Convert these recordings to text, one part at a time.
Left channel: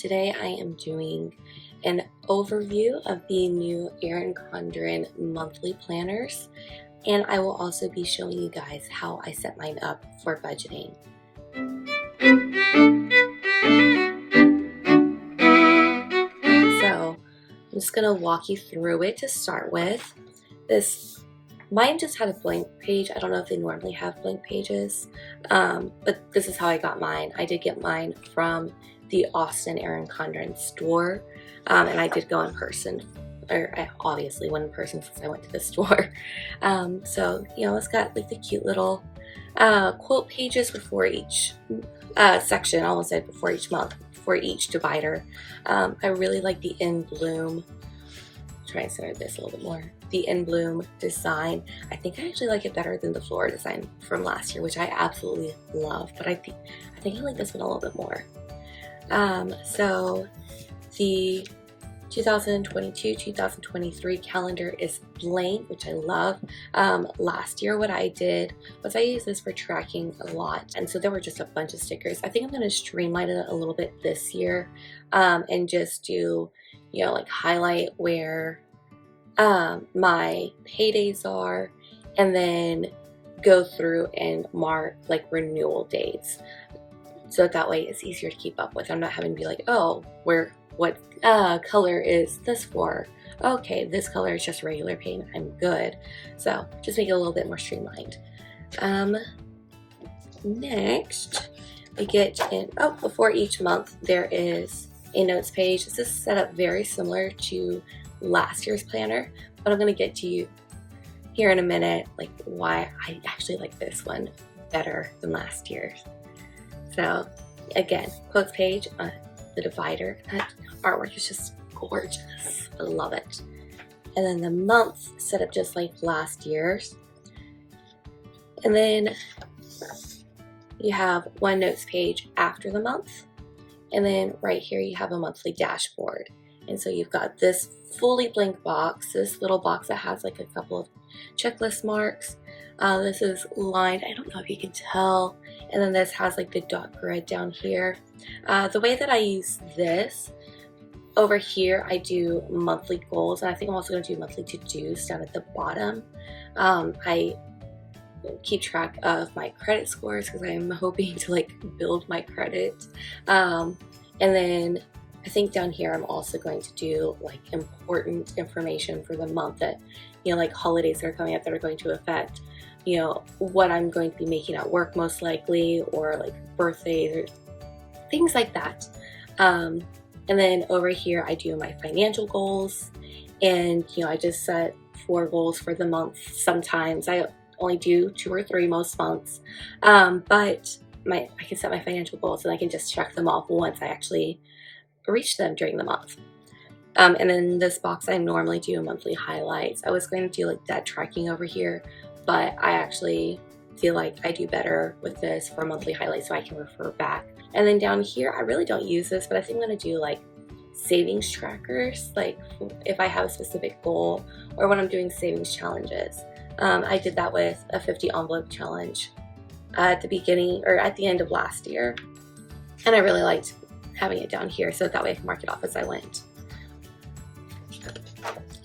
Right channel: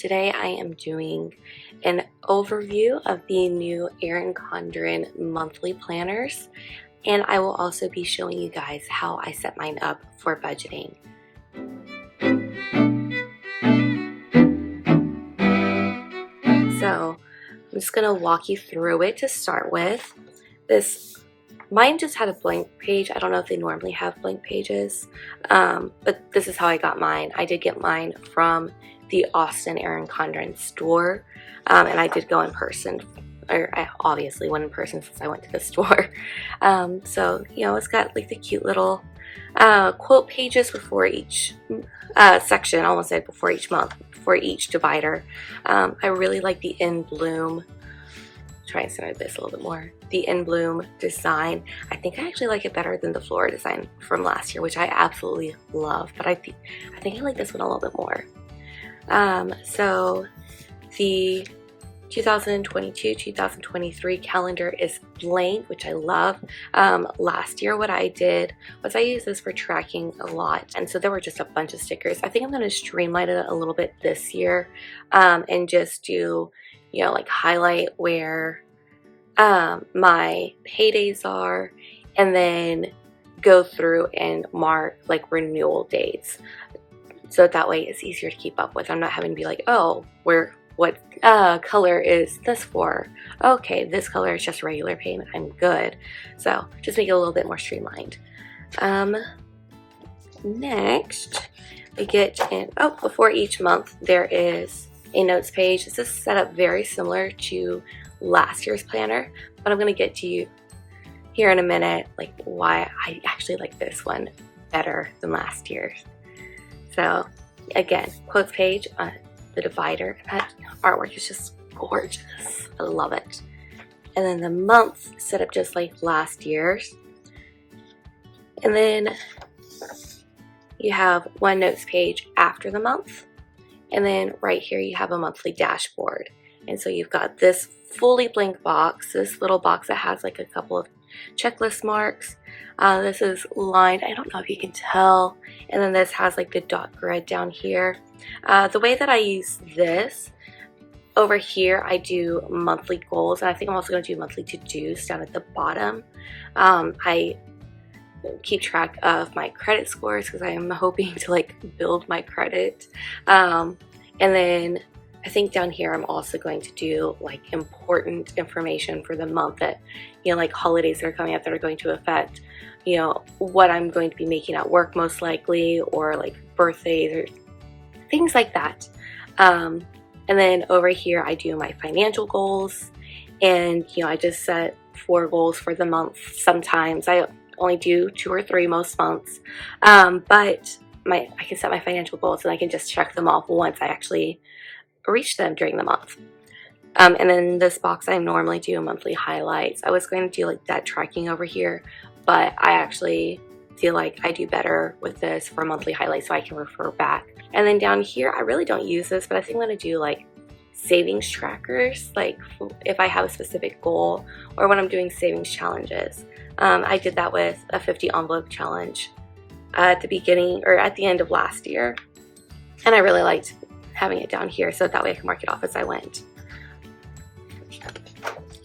Today I am doing an overview of the new Erin Condren Monthly Planners, and I will also be showing you guys how I set mine up for budgeting. So I'm just going to walk you through it to start with. Mine just had a blank page. I don't know if they normally have blank pages, but this is how I got mine. I did get mine from the Austin Erin Condren store, and I did go in person, or I obviously went in person since I went to the store. So, you know, it's got like the cute little quote pages before each section, I almost said before each month, for each divider. I really like the In Bloom. Try and center this a little bit more. The In Bloom design. I think I actually like it better than the floral design from last year, which I absolutely love, but I think I like this one a little bit more. So the 2022-2023 calendar is blank, which I love. Last year what I did was I used this for tracking a lot, and so there were just a bunch of stickers. I think I'm going to streamline it a little bit this year, and just do, you know, like highlight where my paydays are, and then go through and mark like renewal dates, so that way it's easier to keep up with. I'm not having to be like, oh, what color is this for? Okay, this color is just regular payment, I'm good. So just make it a little bit more streamlined. Next we get in, before each month there is a notes page. This is set up very similar to last year's planner, but I'm going to get to you here in a minute like why I actually like this one better than last year's. So again, quotes page on the divider. That artwork is just gorgeous. I love it. And then the months set up just like last year's. And then you have one notes page after the month. And then right here you have a monthly dashboard. And so you've got this fully blank box, this little box that has like a couple of checklist marks. This is lined, I don't know if you can tell, and then this has like the dot grid down here. The way that I use this, over here I do monthly goals, and I think I'm also going to do monthly to-dos down at the bottom. I keep track of my credit scores because I am hoping to like build my credit. And then I think down here I'm also going to do like important information for the month that, you know, like holidays that are coming up that are going to affect, you know, what I'm going to be making at work most likely, or like birthdays or things like that. And then over here I do my financial goals, and you know, I just set 4 goals for the month. Sometimes I only do 2 or 3 most months, but I can set my financial goals and I can just check them off once I actually reach them during the month. And then this box I normally do monthly highlights. I was going to do like that tracking over here, but I actually feel like I do better with this for monthly highlights so I can refer back. And then down here I really don't use this, but I think I'm going to do like savings trackers, like if I have a specific goal or when I'm doing savings challenges. I did that with a 50 envelope challenge at the beginning or at the end of last year, and I really liked having it down here so that way I can mark it off as I went.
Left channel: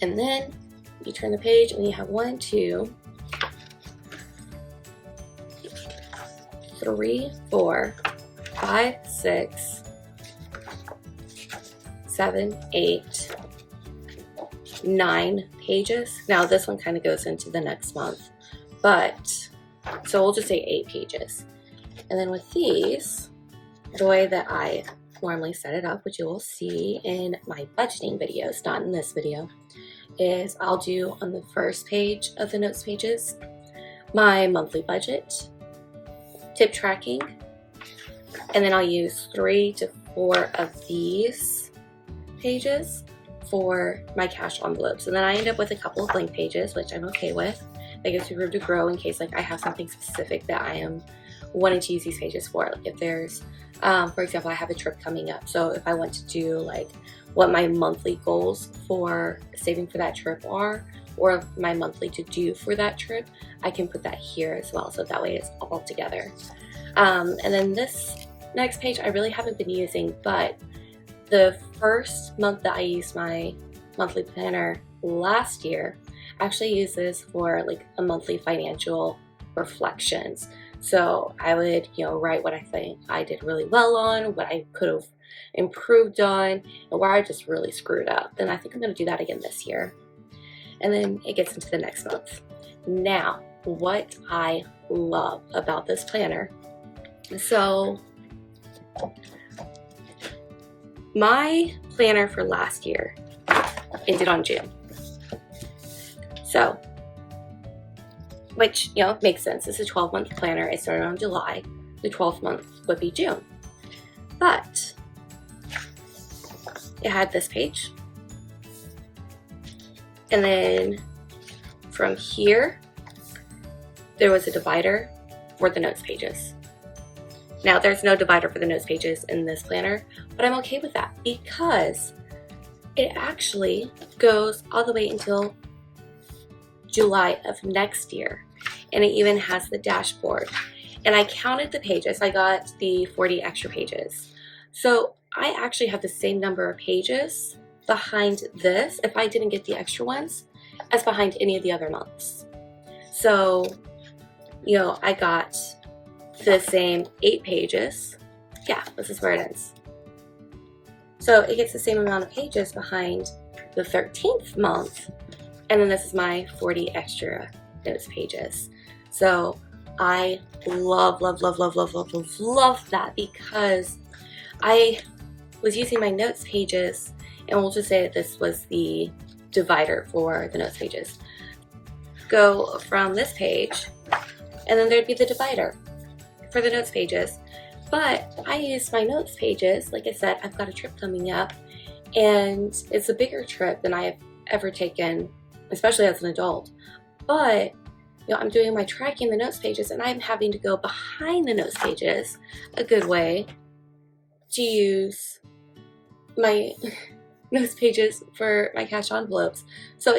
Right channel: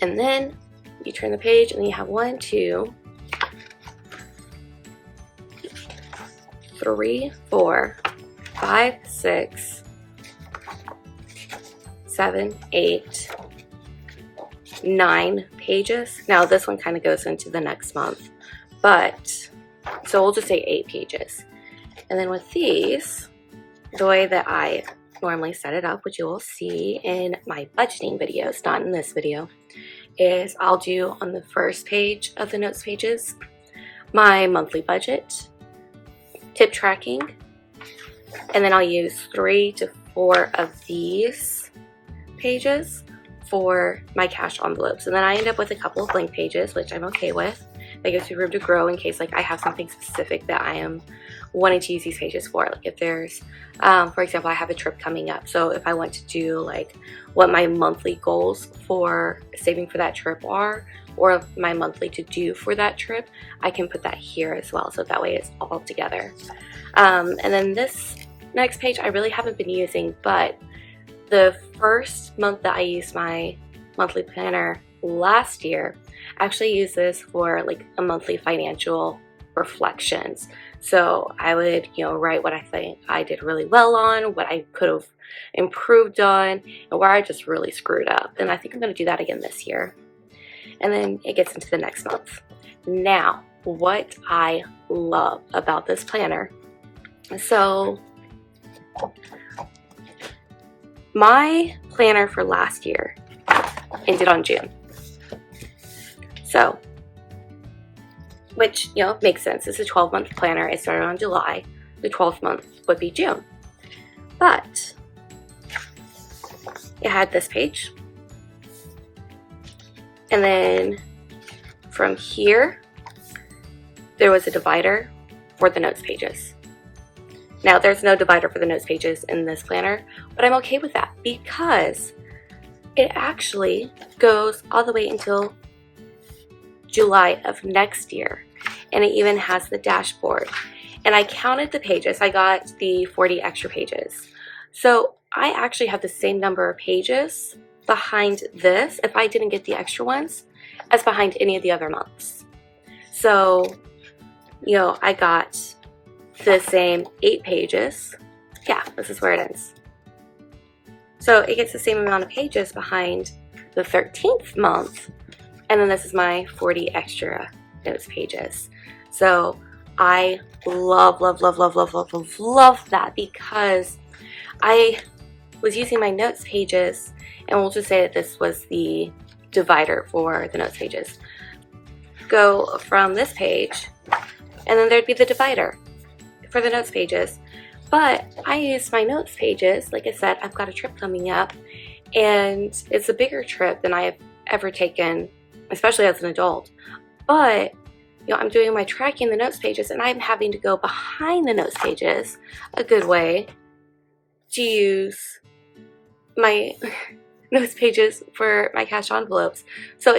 And then you turn the page and you have 1, 2, 3, 4, 5, 6, 7, 8, 9 pages. Now this one kind of goes into the next month, but so we'll just say 8 pages. And then with these, the way that I normally set it up, which you will see in my budgeting videos, not in this video, is I'll do on the first page of the notes pages my monthly budget, tip tracking, and then I'll use 3 to 4 of these pages for my cash envelopes. And then I end up with a couple of blank pages, which I'm okay with. That gives me room to grow in case like I have something specific that I am wanting to use these pages for. Like if there's, for example, I have a trip coming up. So if I want to do like what my monthly goals for saving for that trip are, or my monthly to do for that trip, I can put that here as well. So that way it's all together. And then this next page I really haven't been using, but the first month that I used my monthly planner last year, I actually used this for like a monthly financial reflections. So I would, write what I think I did really well on, what I could have improved on, and where I just really screwed up. And I think I'm going to do that again this year. And then it gets into the next month. Now, what I love about this planner. So my planner for last year ended on June. So, which, makes sense. It's a 12-month planner. It started on July. The 12th month would be June. But it had this page. And then from here, there was a divider for the notes pages. Now, there's no divider for the notes pages in this planner, but I'm okay with that because it actually goes all the way until July of next year. And it even has the dashboard. And I counted the pages. I got the 40 extra pages. So I actually have the same number of pages behind this, if I didn't get the extra ones, as behind any of the other months. So, I got the same 8 pages. Yeah, this is where it ends. So it gets the same amount of pages behind the 13th month. And then this is my 40 extra notes pages. So I love that because I was using my notes pages, and we'll just say that this was the divider for the notes pages. Go from this page, and then there'd be the divider for the notes pages. But I used my notes pages, like I said, I've got a trip coming up, and it's a bigger trip than I've ever taken, especially as an adult. But I'm doing my tracking the notes pages, and I'm having to go behind the notes pages a good way to use my notes pages for my cash envelopes. So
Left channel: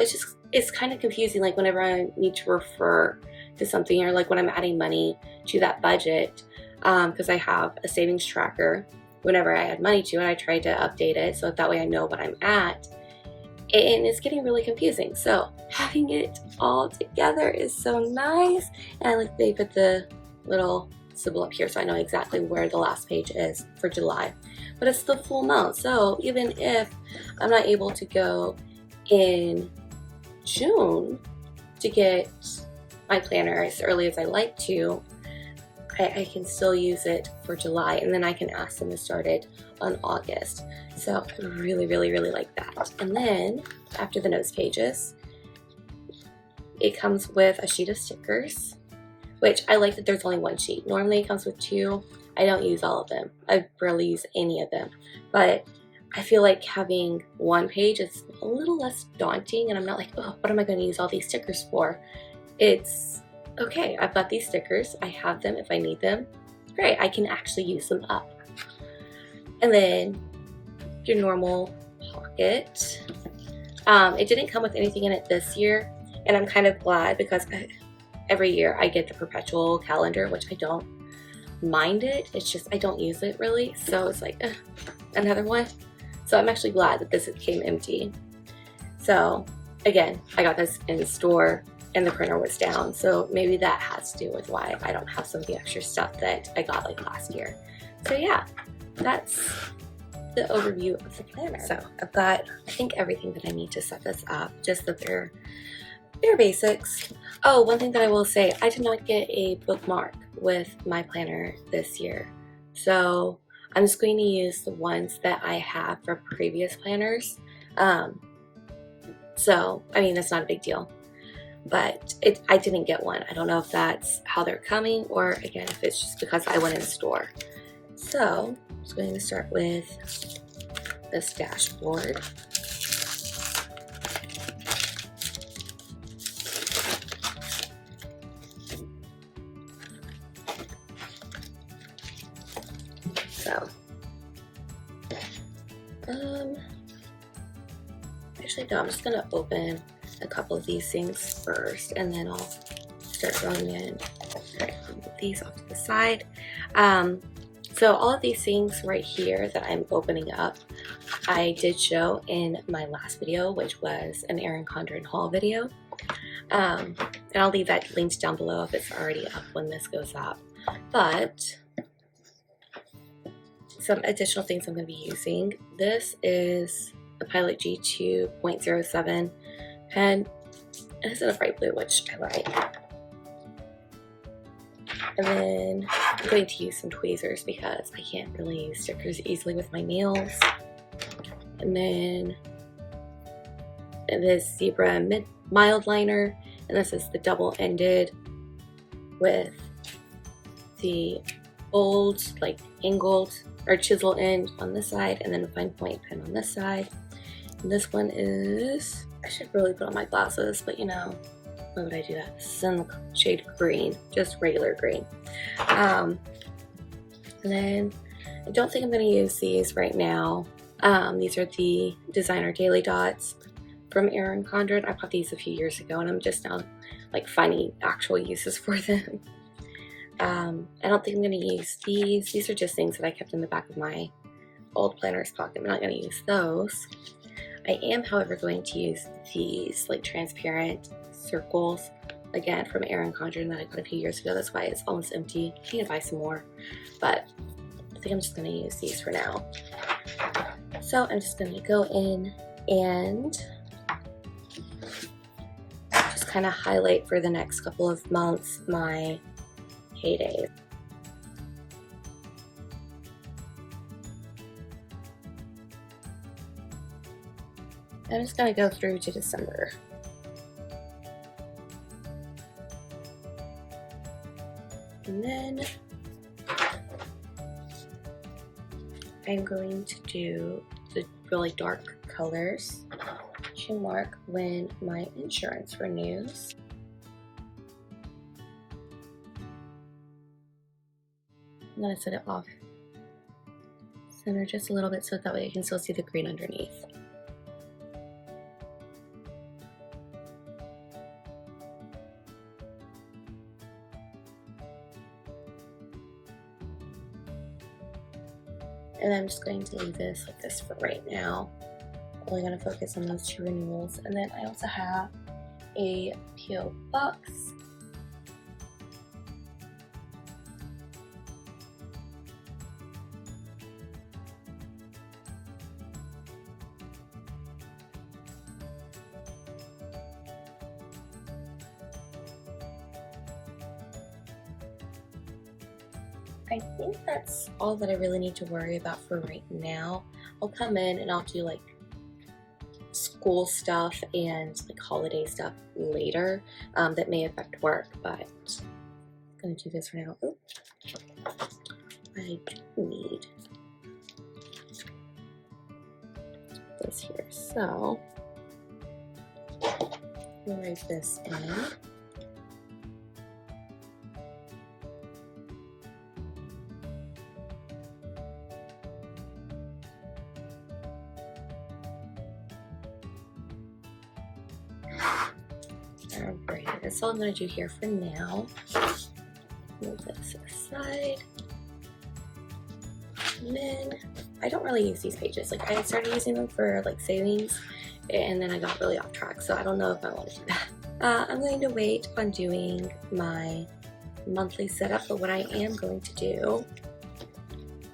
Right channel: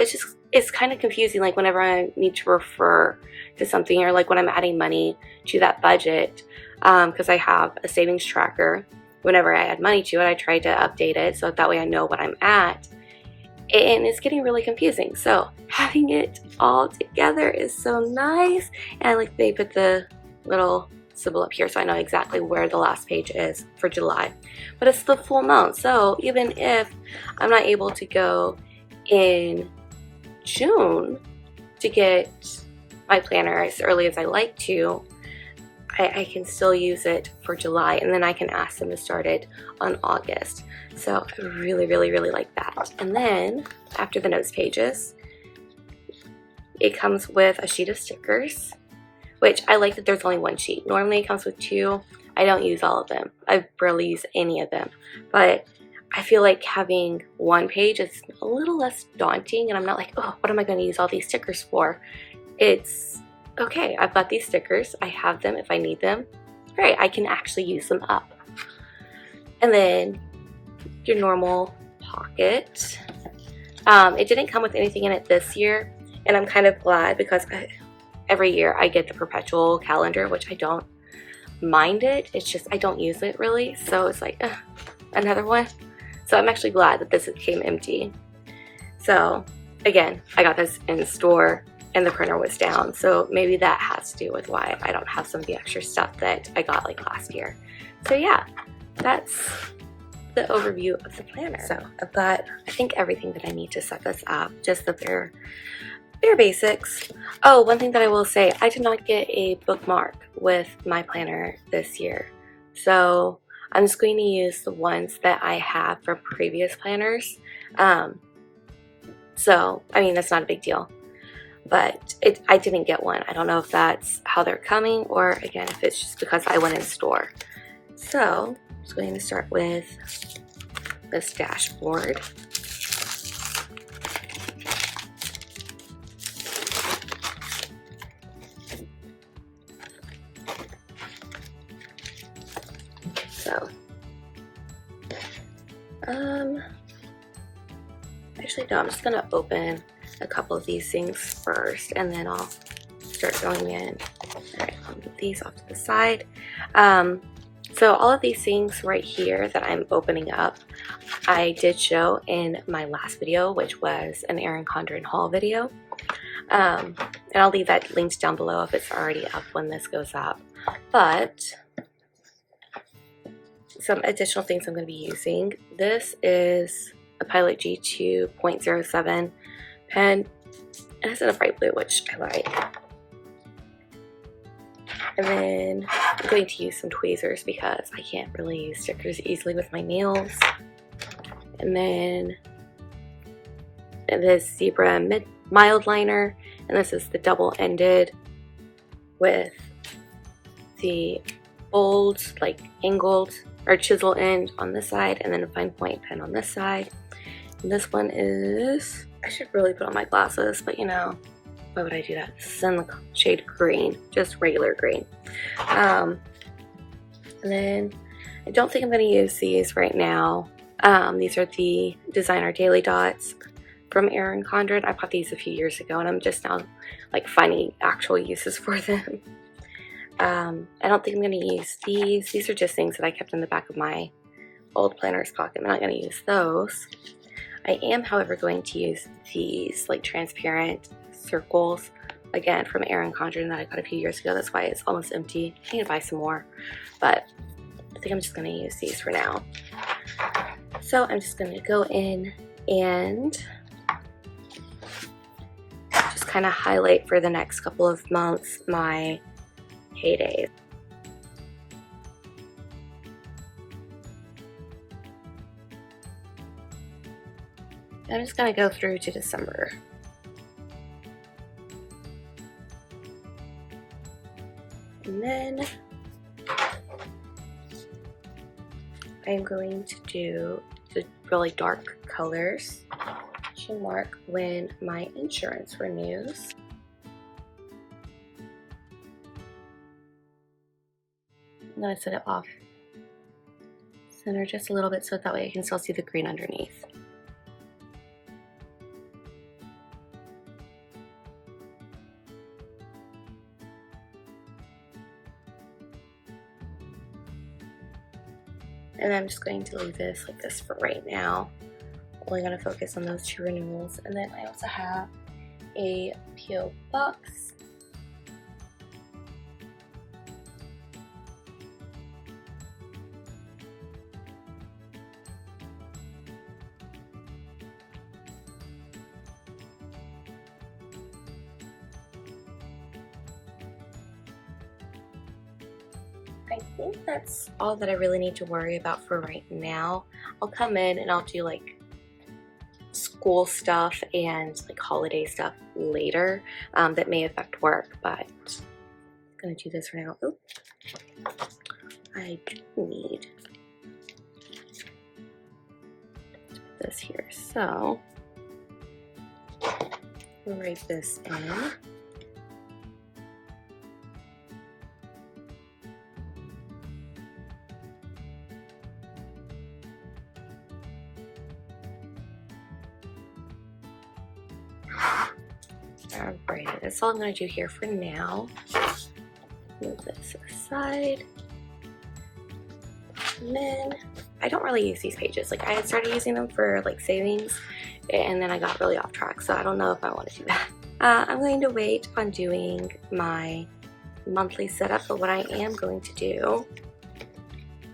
it's kind of confusing, like whenever I need to refer to something, or like when I'm adding money to that budget, because I have a savings tracker. Whenever I add money to it, I try to update it so that way I know what I'm at. And it's getting really confusing. So having it all together is so nice. And like they put the little symbol up here so I know exactly where the last page is for July. But it's the full month. So even if I'm not able to go in June to get my planner as early as I like to, I can still use it for July, and then I can ask them to start it on August. So I really like that. And then after the notes pages, it comes with a sheet of stickers, which I like that there's only one sheet. Normally it comes with 2. I don't use all of them. I barely use any of them. But I feel like having one page is a little less daunting, and I'm not like, oh, what am I going to use all these stickers for? It's okay, I've got these stickers. I have them if I need them. Great, I can actually use them up. And then your normal pocket. It didn't come with anything in it this year, and I'm kind of glad because every year I get the perpetual calendar, which I don't mind it. It's just I don't use it really, so it's like another one. So I'm actually glad that this came empty. So again, I got this in the store and the printer was down, so maybe that has to do with why I don't have some of the extra stuff that I got like last year. So yeah, that's the overview of the planner. So I've got, I think, everything that I need to set this up, just that they're basics. Oh, one thing that I will say, I did not get a bookmark with my planner this year. So I'm just going to use the ones that I have from previous planners. So, I mean, that's not a big deal. But I didn't get one. I don't know if that's how they're coming, or again, if it's just because I went in the store. So I'm just going to start with this dashboard. So, actually no, I'm just gonna open a couple of these things first, and then I'll start going in. Alright, I'll move these off to the side. So all of these things right here that I'm opening up I did show in my last video, which was an Erin Condren haul video. And I'll leave that linked down below if it's already up when this goes up. But some additional things I'm going to be using. This is a Pilot G2.07 pen. It has a bright blue, which I like. And then I'm going to use some tweezers because I can't really use stickers easily with my nails. And then this Zebra Mildliner, and this is the double-ended with the bold, like angled or chisel end on this side, and then a fine point pen on this side. And this one is, I should really put on my glasses, but you know, why would I do that? This is in the shade green, just regular green. And then I don't think I'm going to use these right now. These are the Designer Daily Dots from Erin Condren. I bought these a few years ago and I'm just now like finding actual uses for them. I don't think I'm going to use these. These are just things that I kept in the back of my old planner's pocket. I'm not going to use those. I am, however, going to use these like transparent circles, again from Erin Condren, that I got a few years ago. That's why it's almost empty. I need to buy some more, but I think I'm just going to use these for now. So I'm just going to go in and just kind of highlight for the next couple of months my heydays. I'm just going to go through to December. And then I'm going to do the really dark colors to mark when my insurance renews. I'm going to set it off center just a little bit so that way I can still see the green underneath. And I'm just going to leave this like this for right now. Only going to focus on those two renewals. And then I also have a P.O. box. I think that's all that I really need to worry about for right now. I'll come in and I'll do like school stuff and like holiday stuff later that may affect work, but I'm gonna do this for now. Oops. I do need this here, so we'll write this in. Alright, that's all I'm going to do here for now. Move this aside. And then, I don't really use these pages. Like, I had started using them for, like, savings, and then I got really off track, so I don't know if I want to do that. I'm going to wait on doing my monthly setup, but what I am going to do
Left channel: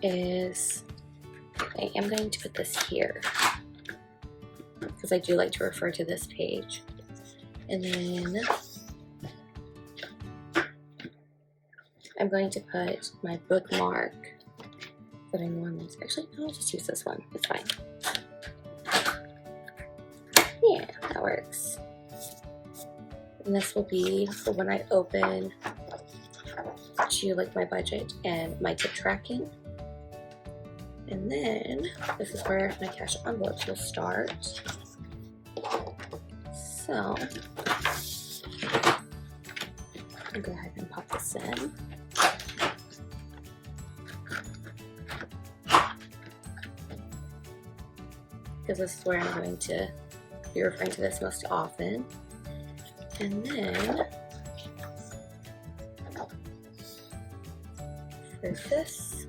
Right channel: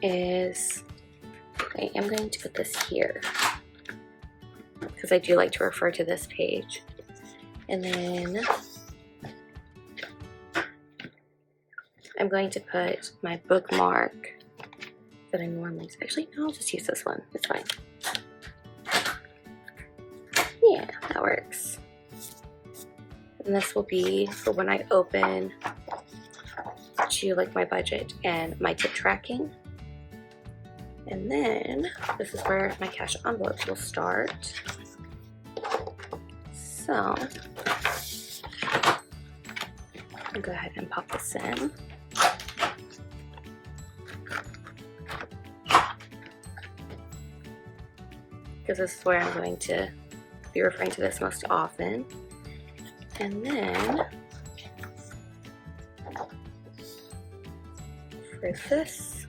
is I am going to put this here, because I do like to refer to this page. And then I'm going to put my bookmark that I normally use. Actually, no, I'll just use this one. It's fine. Yeah, that works. And this will be for when I open to like my budget and my tip tracking. And then this is where my cash envelopes will start. So I'll go ahead and pop this in. Because this is where I'm going to be referring to this most often. And then for this,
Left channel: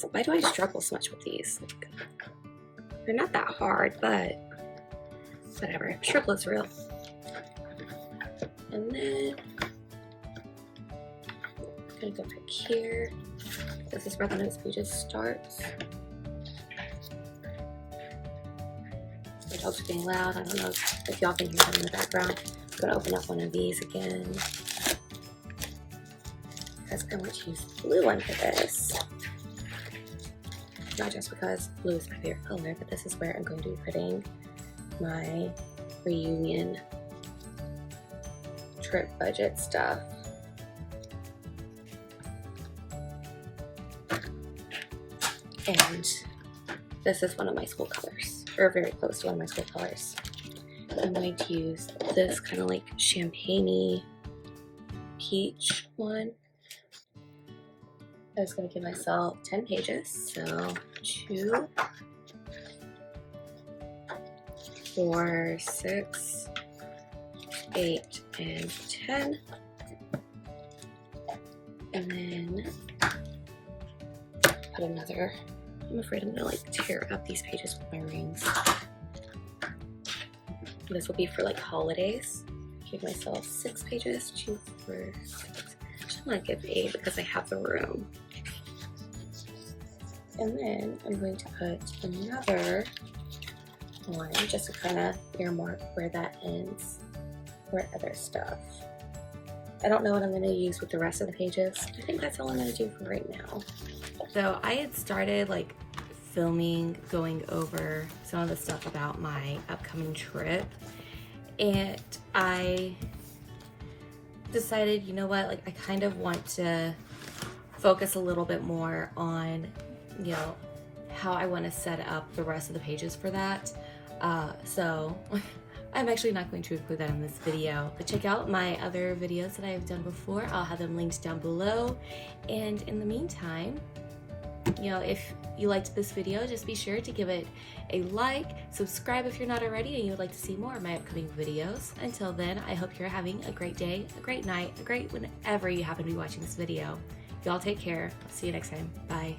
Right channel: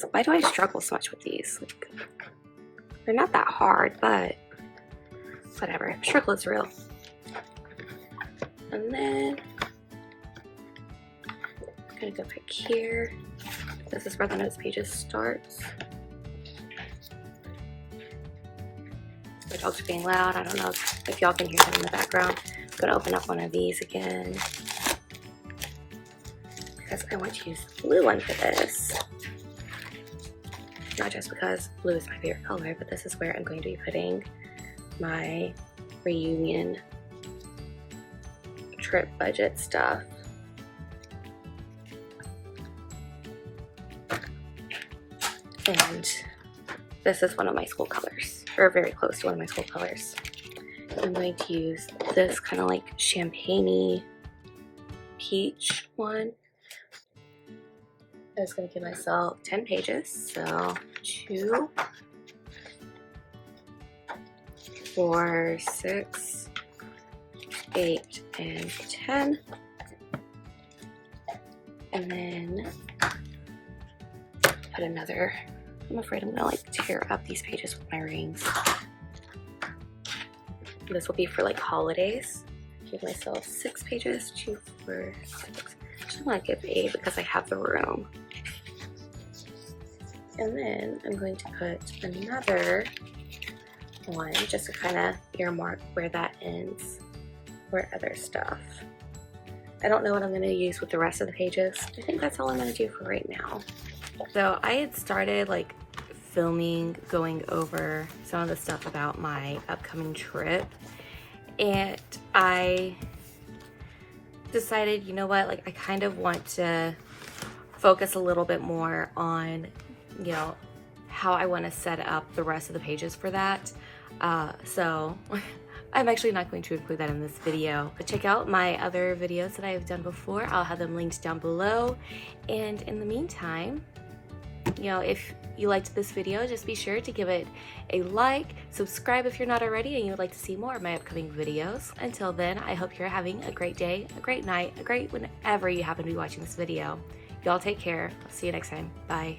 So why do I struggle so much with these? Like, they're not that hard, but whatever. Struggle is real. And then I'm gonna go back here. This is where the notes pages starts. My dogs are being loud. I don't know if y'all can hear them in the background. I'm gonna open up one of these again because I want to use the blue one for this. Not just because blue is my favorite color, but this is where I'm going to be putting my reunion trip budget stuff. And this is one of my school colors, or very close to one of my school colors. I'm going to use this kind of like champagne-y peach one. I was going to give myself 10 pages, so 2, 4, 6, 8, and 10. And then put another. I'm afraid I'm gonna like tear up these pages with my rings. This will be for like holidays. Give myself 6 pages, 2, 4, 6. I just want to give 8 because I have the room. And then I'm going to put another one just to kind of earmark where that ends for other stuff. I don't know what I'm going to use with the rest of the pages. I think that's all I'm going to do for right now. So I had started like filming, going over some of the stuff about my upcoming trip, and I decided, you know what, like I kind of want to focus a little bit more on, you know, how I want to set up the rest of the pages for that. So I'm actually not going to include that in this video, but check out my other videos that I have done before. I'll have them linked down below. And in the meantime, you know, if you liked this video, just be sure to give it a like, subscribe if you're not already and you would like to see more of my upcoming videos. Until then, I hope you're having a great day, a great night, a great whenever you happen to be watching this video. Y'all take care. I'll see you next time. Bye.